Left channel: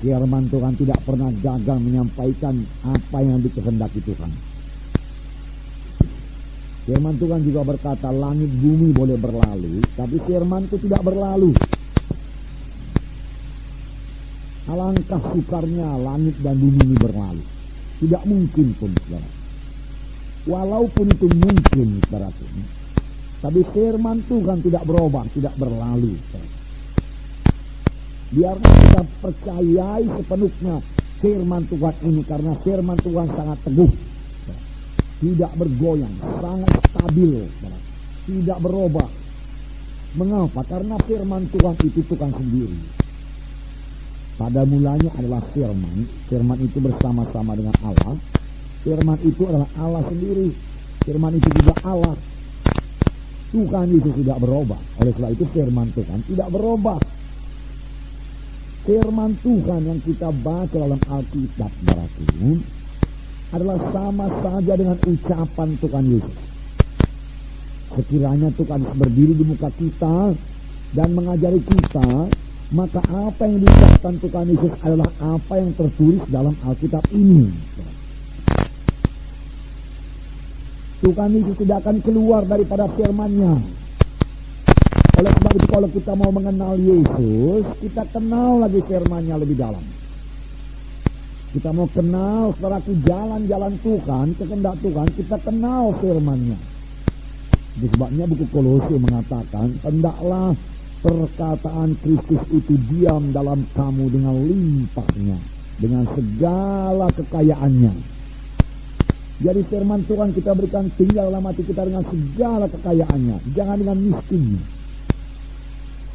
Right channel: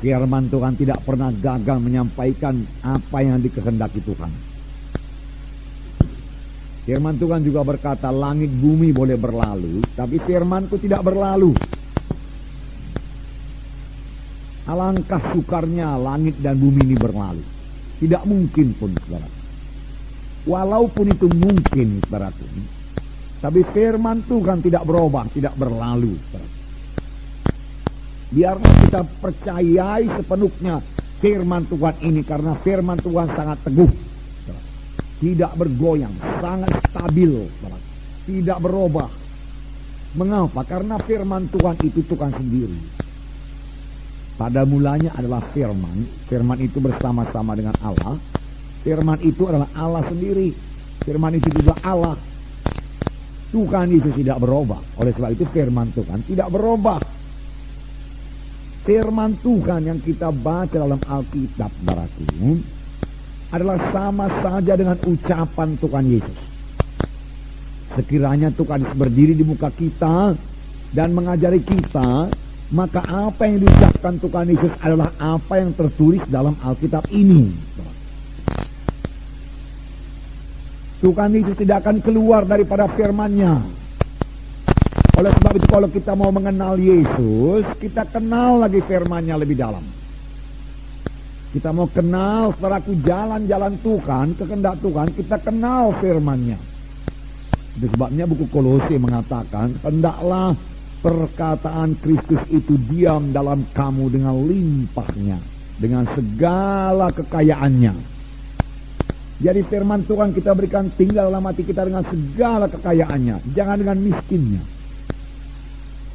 Firman Tuhan tidak pernah gagal menyampaikan apa yang dikehendaki Tuhan. Firman Tuhan juga berkata, langit bumi boleh berlalu, tapi firman-Ku tidak berlalu. Alangkah sukarnya langit dan bumi ini berlalu. Tidak mungkin pun, saudara. Walaupun itu mungkin, saudara, tapi firman Tuhan tidak berubah, tidak berlalu. Biarlah kita percayai sepenuhnya firman Tuhan ini, karena firman Tuhan sangat teguh, tidak bergoyang, sangat stabil, tidak berubah. Mengapa? Karena firman Tuhan itu Tuhan sendiri. Pada mulanya adalah firman. Firman itu bersama-sama dengan Allah. Firman itu adalah Allah sendiri. Firman itu juga Allah. Tuhan itu tidak berubah. Oleh sebab itu firman Tuhan tidak berubah. Firman Tuhan yang kita baca dalam Alkitab adalah sama saja dengan ucapan Tuhan Yesus. Sekiranya Tuhan Yesus berdiri di muka kita dan mengajari kita, maka apa yang diucapkan Tuhan Yesus adalah apa yang tertulis dalam Alkitab ini. Tuhan Yesus tidak akan keluar daripada firman-Nya. Oleh sebab itu kalau kita mau mengenal Yesus, kita kenal lagi firman-Nya lebih dalam. Kita mau kenal saudaraku jalan-jalan Tuhan, kehendak Tuhan, kita kenal firman-Nya. Sebabnya buku Kolose mengatakan, hendaklah perkataan Kristus itu diam dalam kamu dengan limpahnya, dengan segala kekayaannya. Jadi firman Tuhan kita berikan tinggal dalam hati kita dengan segala kekayaannya, jangan dengan miskinnya.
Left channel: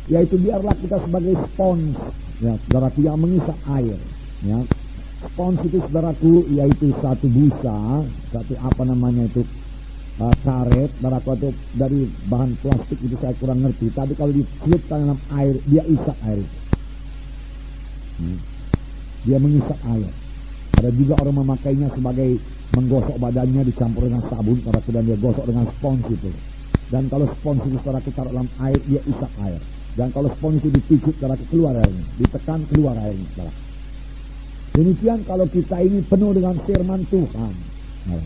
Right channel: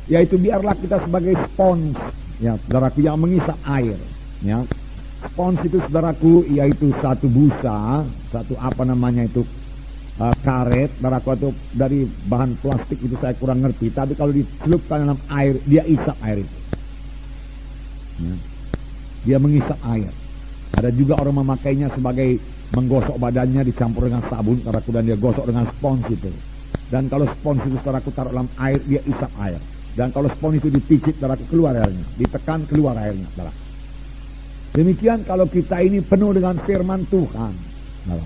Yaitu biarlah kita sebagai spons, ya saudaraku, yang mengisap air, ya. Spons itu saudaraku yaitu satu busa, satu karet, saudaraku, itu dari bahan plastik, itu saya kurang ngerti, tapi kalau dicelupkan dalam air dia isap air itu, ya. Dia mengisap air. Ada juga orang memakainya sebagai menggosok badannya, dicampur dengan sabun, saudaraku, dan dia gosok dengan spons itu. Dan kalau spons itu saudaraku taruh dalam air, dia isap air. Dan kalau spons itu dipicit, saudaraku, keluar airnya, ditekan keluar airnya, saudara. Demikian kalau kita ini penuh dengan firman Tuhan, saudara.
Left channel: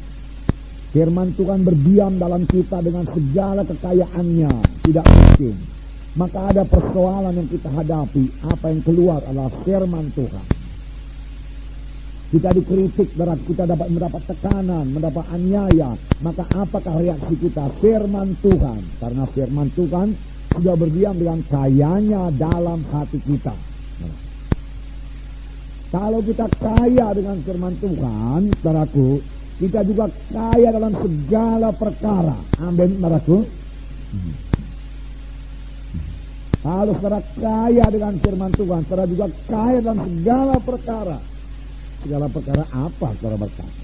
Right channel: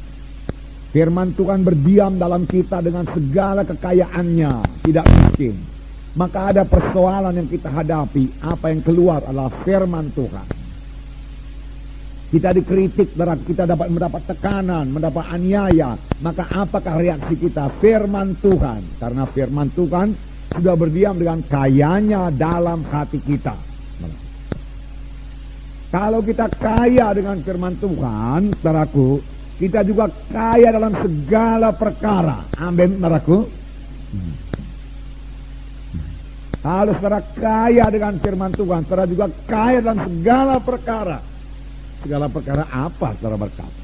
Firman Tuhan berdiam dalam kita dengan segala kekayaannya, tidak miskin. Maka ada persoalan yang kita hadapi, apa yang keluar adalah firman Tuhan. Kita dikritik, kita dapat mendapat tekanan, mendapat aniaya. Maka apakah reaksi kita? Firman Tuhan. Karena firman Tuhan sudah berdiam dengan kayanya dalam hati kita. Kalau kita kaya dengan firman Tuhan, saudaraku, kita juga kaya dalam segala perkara. Amin, saudaraku. Kalau saudara kaya dengan firman Tuhan, saudara juga kaya dalam segala perkara. Segala perkara apa saudara berkata?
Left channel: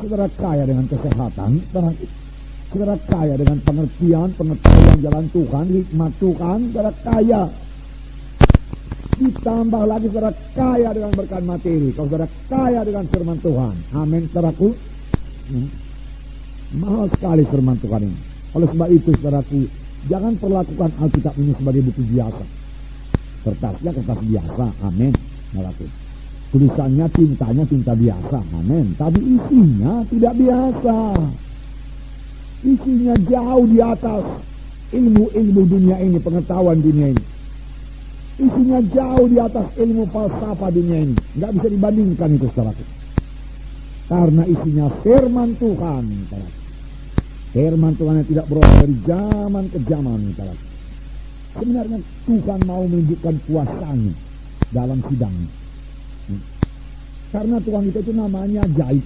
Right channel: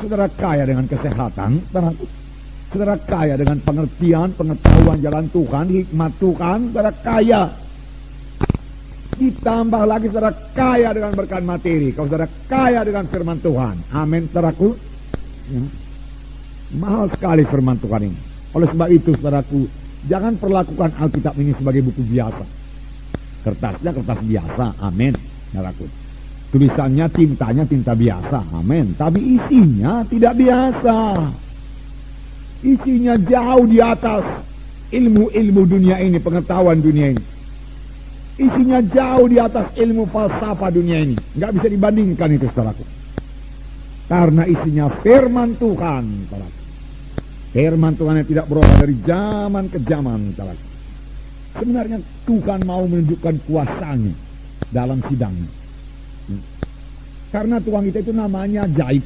Saudara kaya dengan kesehatan, saudara kaya dengan pengertian, pengetahuan jalan Tuhan, hikmat Tuhan, saudara kaya. Ditambah lagi saudara kaya dengan berkat materi, kalau saudara kaya dengan firman Tuhan. Amin, saudaraku. Mahal sekali firman Tuhan ini. Oleh sebab itu, saudaraku, jangan perlakukan Alkitab ini sebagai buku biasa. Kertasnya kertas biasa, amin, saudaraku. Tulisannya, tintanya tinta biasa, amin. Tapi isinya tidak biasa. Isinya jauh di atas ilmu-ilmu dunia ini, pengetahuan dunia ini. Isinya jauh di atas ilmu falsafah dunia ini. Nggak bisa dibandingkan itu, saudaraku. Karena isinya firman Tuhan, saudaraku. Firman Tuhan yang tidak berubah dari zaman ke zaman, saudaraku. Sebenarnya Tuhan mau menunjukkan kuasanya dalam sidangnya. Karena Tuhan kita itu namanya ajaib.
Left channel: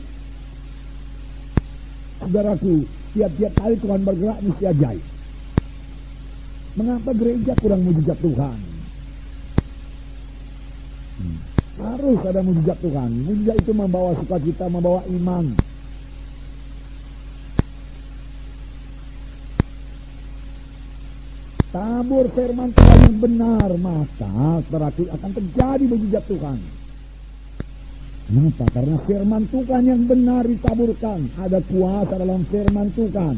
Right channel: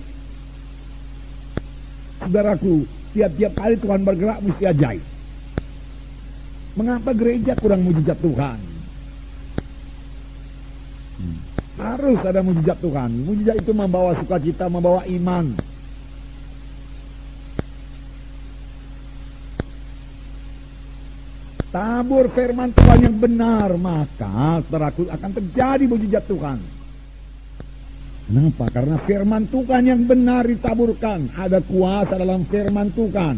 Saudaraku, tiap-tiap kali Tuhan bergerak mesti ajaib. Mengapa gereja kurang mujizat Tuhan? Harus ada mujizat Tuhan. Mujizat itu membawa sukacita, membawa iman. Tabur firman Tuhan yang benar, maka saudaraku akan terjadi mujizat Tuhan. Kenapa? Karena firman Tuhan yang benar ditaburkan. Ada kuasa dalam firman Tuhan.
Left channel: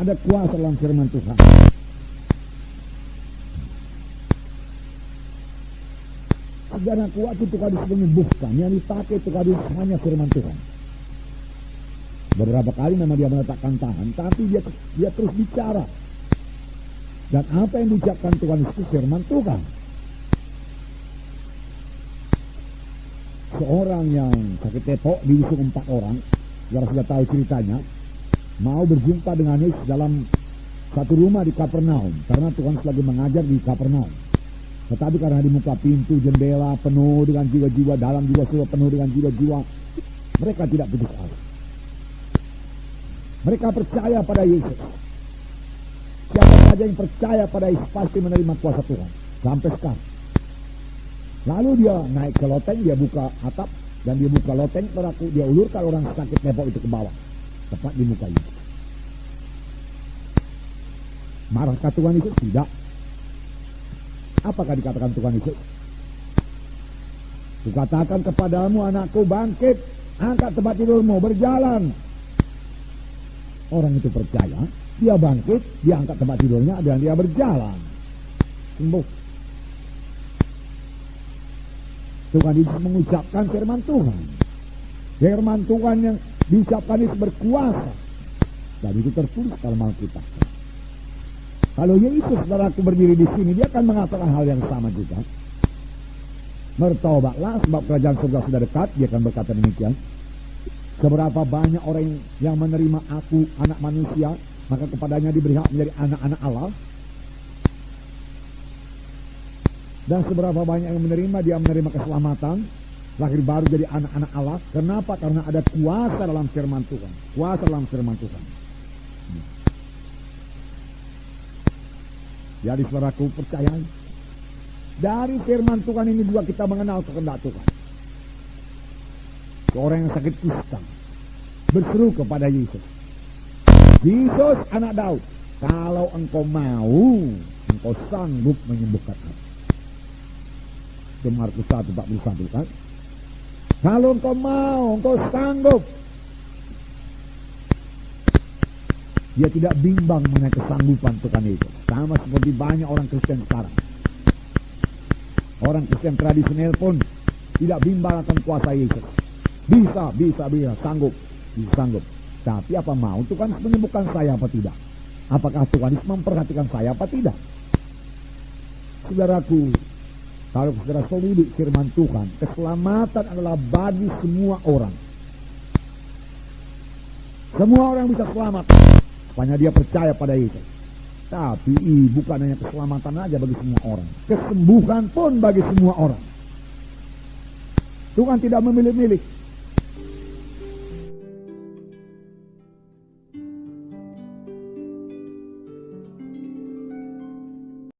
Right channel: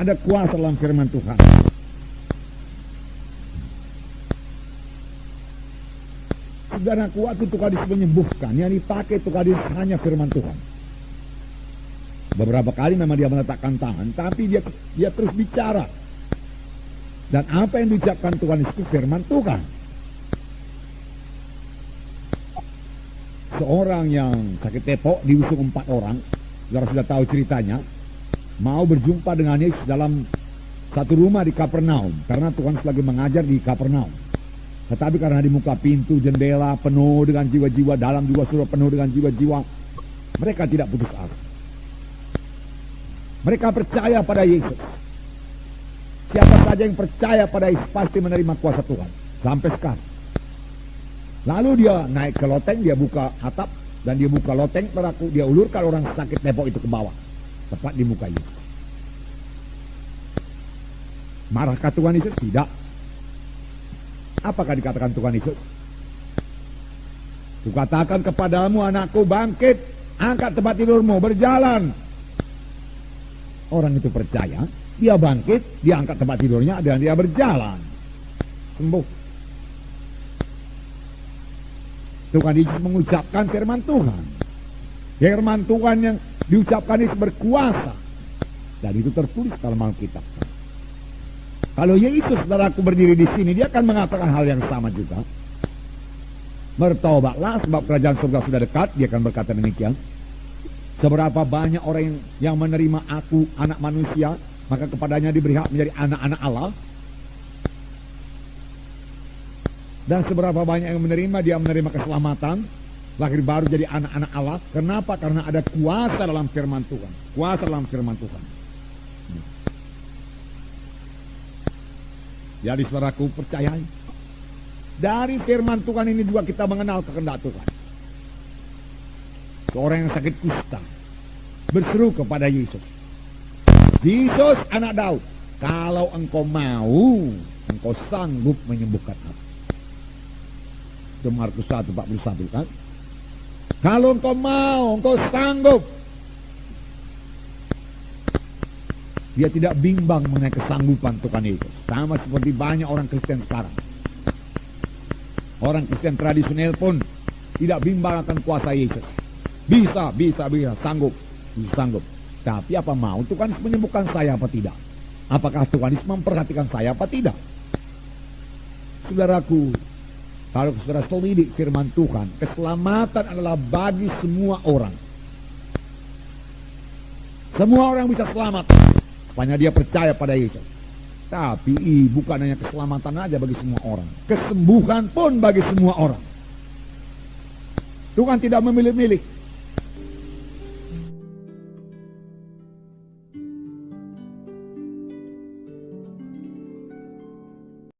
Ada kuasa dalam firman Tuhan. Saudaraku, waktu Tuhan Yesus menyembuhkan, yang dipakai Tuhan Yesus hanya firman Tuhan. Beberapa kali memang dia meletakkan tangan, tapi dia terus bicara. Dan apa yang diucapkan Tuhan itu firman Tuhan. Seorang yang sakit tepok diusung 4 orang, saudara sudah tahu ceritanya, mau berjumpa dengan Yesus dalam satu rumah di Kapernaum, karena Tuhan lagi mengajar di Kapernaum. Tetapi karena di muka pintu jendela penuh dengan jiwa-jiwa, dalam juga sudah penuh dengan jiwa-jiwa, mereka tidak putus asa. Mereka percaya pada Yesus. Siapa saja yang percaya pada Yesus pasti menerima kuasa Tuhan. Sampai sekarang. Lalu dia naik ke loteng, dia buka atap, dan dia buka loteng, dia ulurkan orang sakit tepok itu ke bawah. Tepat di muka Yesus. Marahkah Tuhan Yesus? Tidak. Apakah dikatakan Tuhan Yesus? Kukatakan kepadamu, anakku, bangkit, angkat tempat tidurmu, berjalan. Orang itu percaya, dia bangkit, dia angkat tempat tidurnya, dan dia berjalan. Sembuh. Tuhan Yesus mengucapkan firman Tuhan. Firman Tuhan yang diucapkan itu berkuasa. Dan itu tertulis dalam Alkitab. Kalau Yesus, saudaraku, berdiri di sini, dia akan mengatakan hal yang sama juga. Bertobatlah, sebab kerajaan surga sudah dekat. Dia akan berkata demikian. Seberapa banyak orang yang menerima aku, anak manusia, maka kepadanya diberi hak menjadi anak-anak Allah. Dan seberapa banyak yang menerima, dia menerima keselamatan, lahir baru jadi anak-anak Allah. Kenapa? Karena ada kuasa dalam firman Tuhan. Kuasa dalam firman Tuhan. Jadi saudaraku, percayai. Dari firman Tuhan ini juga kita mengenal kehendak Tuhan. Orang yang sakit kusta berseru kepada Yesus. Yesus, anak Daud, kalau engkau mau, engkau sanggup menyembuhkan aku. Itu Markus 1:41 kan? Kalau engkau mau, engkau sanggup. Dia tidak bimbang mengenai kesanggupan Tuhan Yesus. Sama seperti banyak orang Kristen sekarang. Orang Kristen tradisional pun tidak bimbang akan kuasa Yesus. Bisa, sanggup. Tapi apa mau Tuhan menyembuhkan saya apa tidak? Apakah Tuhan memperhatikan saya apa tidak? Saudaraku, kalau saudara selidik firman Tuhan, keselamatan adalah bagi semua orang. Semua orang bisa selamat, sepanjang dia percaya pada Yesus. Tapi bukan hanya keselamatan aja bagi semua orang, kesembuhan pun bagi semua orang. Tuhan tidak memilih-milih.